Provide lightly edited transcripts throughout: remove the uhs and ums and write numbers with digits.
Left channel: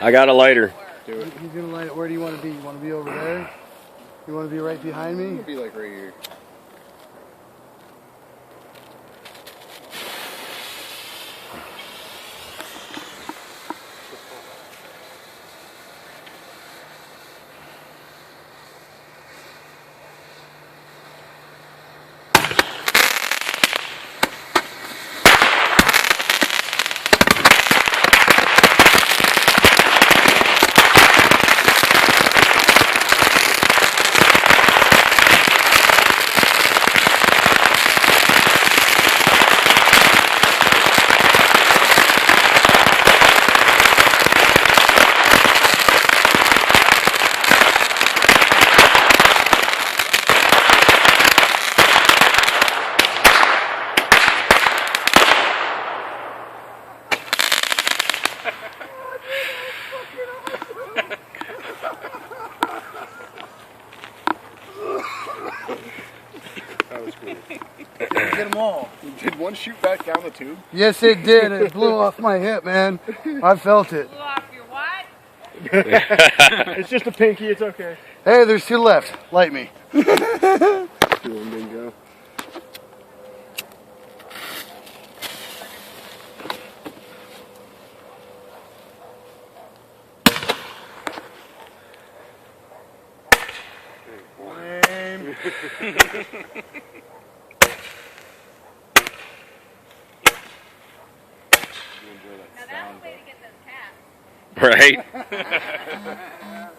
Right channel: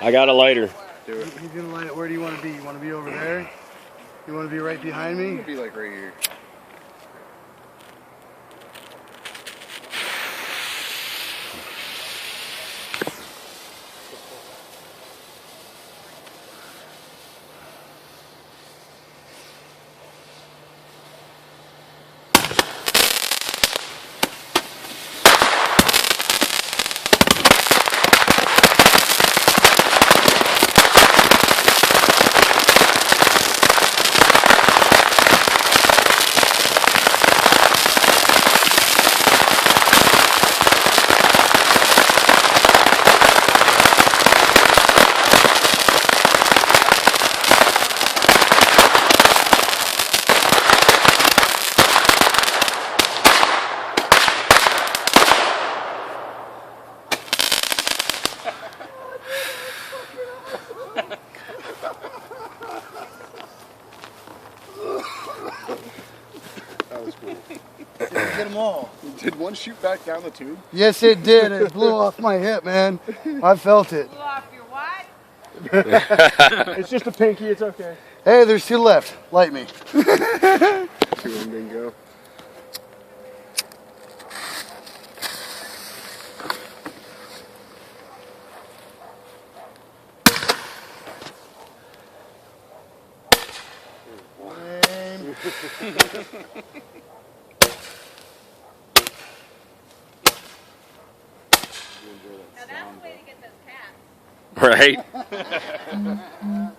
I got a lighter. He's gonna light it. Where do you want to be? You want to be over there? You want to be right behind me? I'm gonna be like right here. That was cool. Get them all. Did one shoot back down the tube? Yes, it did. It blew off my hip, man. I felt it. Blew off your what? It's just a pinky, it's okay. Hey, there's 2 left. Light me. 2 of them didn't go. Now that's the way to get those cats. Right? That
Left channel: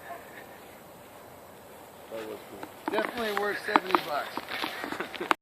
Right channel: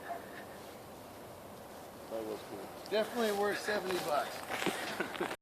was cool. Definitely worth $70.